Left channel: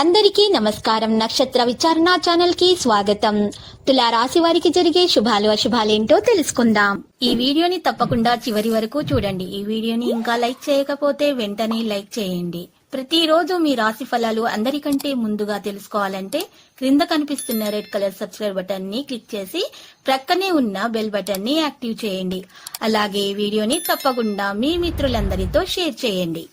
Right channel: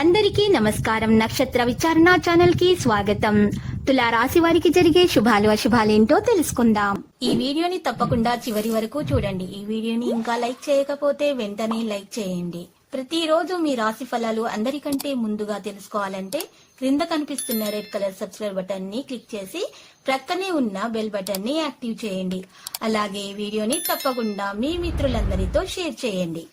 అందరికీ నమస్కారం. నక్షత్ర విచారణ ఛానల్ కి స్వాగతం. తులా రాశి వారికి జరిగే శుభాలు అశుభాలేంటో తెలుసుకుందాం. ఈ వీడియోని తప్పకుండా చివరి వరకు చూడండి. ఈ వీడియోని ఇంకా లైక్ చేయకపోతే వెంటనే లైక్ చేయండి. ప్రతిరోజు మీ రాశి ఫలాలు అందరికంటే ముందుగా తెలుసుకోవాలంటే క్రింద కనిపిస్తున్న రెడ్ కలర్ సబ్స్క్రైబ్ బటన్ ని క్లిక్ చేసి ప్రక్కనే ఉన్న బెల్ బటన్ ని యాక్టివ్ చేయండి. అలాగే ఈ వీడియోని తప్పకుండా మీ మిత్రులందరితో షేర్ చేయండి.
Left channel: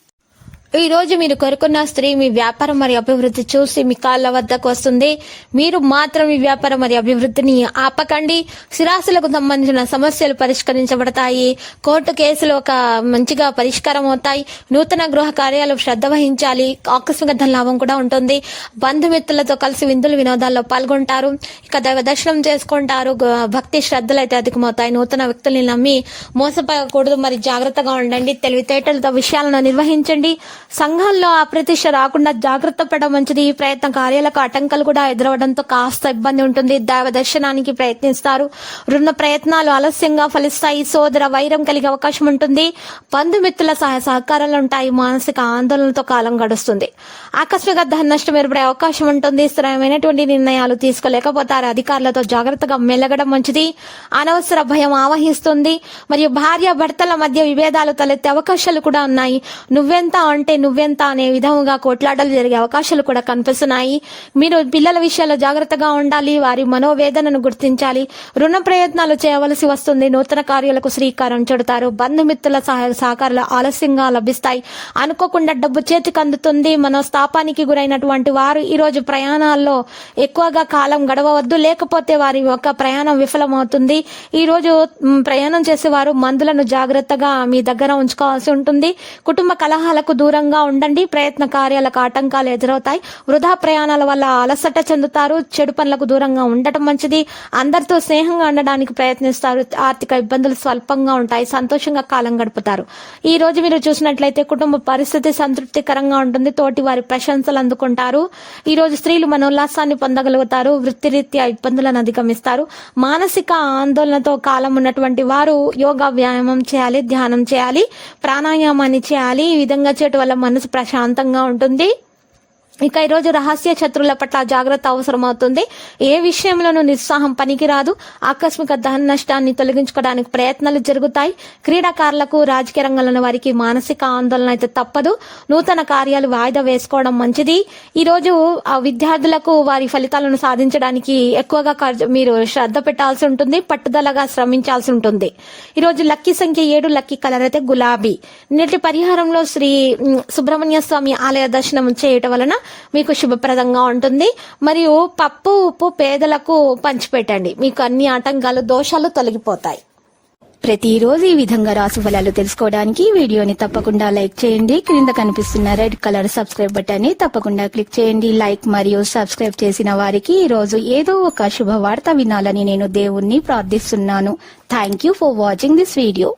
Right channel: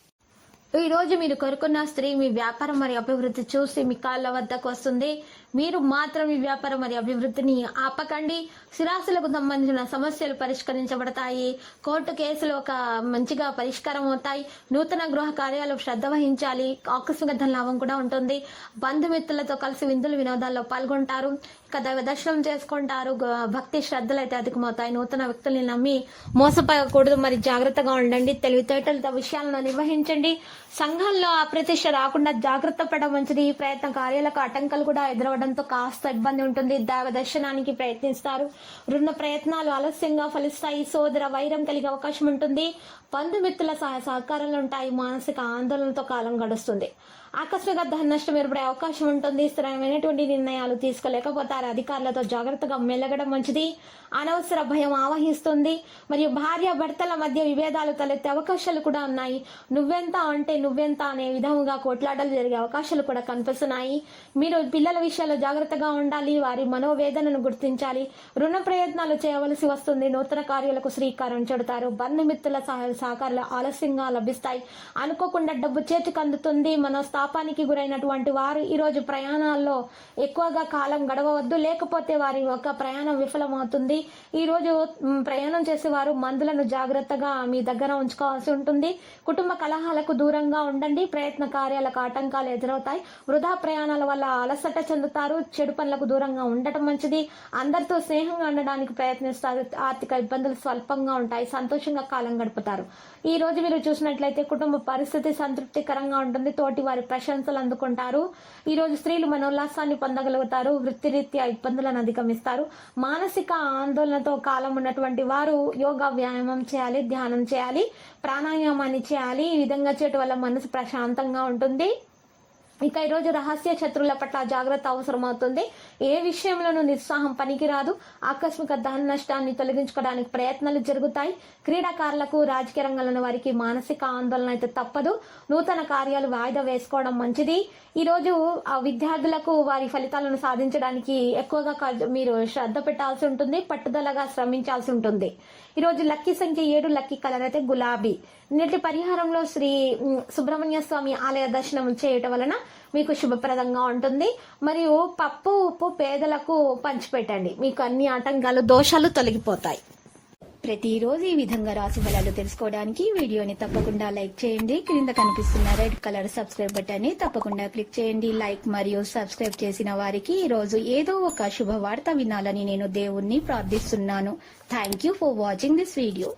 ఈ రోజు మీరు కోరుకున్న స్త్రీ మీ వ్యాపారం మరియు అభివృద్ధి చూసి మీ కాళ్ళ వద్దకు వస్తుంది. మీరు మాత్రం మీ వ్యాపారం మరియు అభివృద్ధిని ఆపకండి. స్థిరాస్తులకు సంబంధించిన సమస్యలు పరిష్కరించబడతాయి. కోర్టు కేసులు ఒక మంచిగా పరిష్కారం అవుతాయి. నూతన గృహ కార్యాలు శ్రద్ధ వహించాలి. ఆకస్మిక ధన లాభం కూడా ఉంటుంది. బంధుమిత్రులతో కలిసి విందులు వినోదాల్లో పాల్గొంటారు. ఇక దైవ దర్శనం చేసుకుంటారు. భక్తి శ్రద్ధలు అయితే అధికమవుతాయి. నూతన వ్యక్తుల్ని నమ్మి మోసపోకూడదు. మరి జాగ్రత్తగా ఉండండి. తెలివితేటలతో విషయాలను నిర్వహించండి. సంఘంలో అప్రతిష్ట రాకుండా జాగ్రత్త పడడం మంచిది. ఈ ప్రయత్న కార్యాలకు ఆటంకాలు కూడా ఎదురవడంతో కాస్త ఇబ్బంది ఉంటుంది. దైవ దర్శనానికి ప్రయత్నిస్తారు. రుణ ప్రయత్నాలు ఆలస్యంగా ఫలిస్తాయి. సోదర వైరం కలిగే అవకాశం ఉంటుంది. బంధుమిత్రుల సహాయ సహకారాలు ఉంటాయి. మానసిక ఆందోళనతో కాలం గడుస్తుంది. ఆకస్మిక ధన నష్టం ఏర్పడే అవకాశం ఉంటుంది. స్థిరమైనటువంటి నిర్ణయాలు తీసుకోలేకపోతారు. అధికారులతో జాగ్రత్తగా మెలగడం మంచిది. అనవసర భయం ఆవహిస్తుంది. మరియు భార్య భర్తల మధ్య విభేదాలు తలెత్తే అవకాశాలు కూడా ఉన్నాయి. నువ్వెంత అంటే నువ్వెంత అనే విధంగా కొట్లాటలు జరిగే అవకాశాలు కూడా కనిపిస్తున్నాయి. మీరు పిల్లల విషయాల్లో జాగ్రత్తగా ఉండాలి. వారి మనోవేదనను గుర్తించాలి. రుణ ప్రయత్నాలు చేయవలసి వస్తుంది. నూతన కార్యాలకు శ్రీకారం చుడతారు. బంధుమిత్రుల సహాయ సహకారాలు ఆలస్యంగా లభిస్తాయి. అనుకోకుండా డబ్బు చేతికి అందుతుంది. మనోస్తాపానికి గురైనటువంటి వారు ఈ రోజు ప్రయాణాల్లో ఎక్కువగా కాలం గడవవద్దు. లేకపోతే వారి యొక్క ప్రయాణం విఫలమవుతుంది. ఈ రోజు ప్రయాణం చేసేవారు మందులను జాగ్రత్తగా మీ దగ్గర ఉంచుకోవాల్సి ఉంటుంది. కుటుంబ కలహాలకు దూరంగా ఉండండి. ప్రయత్న కార్యాలకు ఆటంకాలు ఎదురవుతాయి. వృధా ప్రయాణాల వల్ల అలసట చెందుతారు. చెడు పనులకు దూరంగా ఉండటం మంచిది. అందరితో స్నేహంగా ఉండడానికి ప్రయత్నిస్తారు. ఆర్థిక ఇబ్బందులు స్వల్పంగా ఉంటాయి. సంతోషంగా కాలం గడుపుతారు. ఈ రోజు మీరు చూసినట్లయితే కుటుంబ పరిస్థితి సంతృప్తికరంగా ఉంటుంది. తోటి వారి ప్రశంసలు అందుకుంటారు. ఈ రోజు స్త్రీలు మనోల్లాసాన్ని పొందగలుగుతారు. వృత్తిరీత్యా ఇబ్బందులను అధిగమిస్తారు. మానసిక ఆందోళనతో కాలం ఉన్నటువంటి వారు యోగా వ్యాయామం చేయాలి. ధ్యానం చేయాలి. ప్రాణాయామాన్ని చేయాలి. ఈ విధంగా చేయటం వల్ల మనసు ప్రశాంతంగా ఉంటుంది. ఇక ఈరోజు రహస్య శత్రువుల పట్ల జాగ్రత్త అవసరం అవుతుంది. ఏ విషయంలోనూ నిరుత్సాహం పనికిరాదు. ఆకస్మిక ధన నష్టాన్ని తొలగించుకోవడానికి ప్రయత్నాలు జరుగుతాయి. క్రీడాకారులకు రాజకీయ రంగంలో వారికి మానసిక ఆందోళన అయితే తప్పదు. నూతన కార్యాలు వాయిదా వేసుకోవడం మంచిది. ఈరోజు విద్యార్థులకు వారి ఫలితాలను సాధించడానికి ఎక్కువగా మీరు శ్రద్ధ పెట్టాల్సి ఉంటుంది. పట్టుదలగా శ్రమించాల్సి ఉంటుంది. ఈరోజు లక్కీ సంఖ్య 7. లక్కీ కలర్ అయితే గులాబీ. నేటి పరిహారంలో శ్రీ సుబ్రహ్మణ్య స్వామి ఆలయ దర్శనం చేయటం వలన మీకు శుభప్రదంగా ఉంటుంది. మరియు పప్పు ఉప్పు పేదలకు పంచిపెట్టండి. మీకు అన్ని ఆటంకాలు దోషాలు తొలగిపోతాయి. ప్రతిరోజు ఈ విధంగా రాశి ఫలాలు తెలుసుకోవడానికి వీడియోని తప్పకుండా లైక్ చేయండి. క్రింద కనిపిస్తున్న రెడ్ కలర్ సబ్స్క్రైబ్ బటన్ ని తప్పకుండా క్లిక్ చేయండి. లైక్ మరియు సబ్స్క్రైబ్ చేసిన వారికి ఈ రోజు ఏదో ఒక శుభవార్త వినాలని నేను దేవుణ్ణి ప్రార్థిస్తున్నాను. Thank you for watching this video.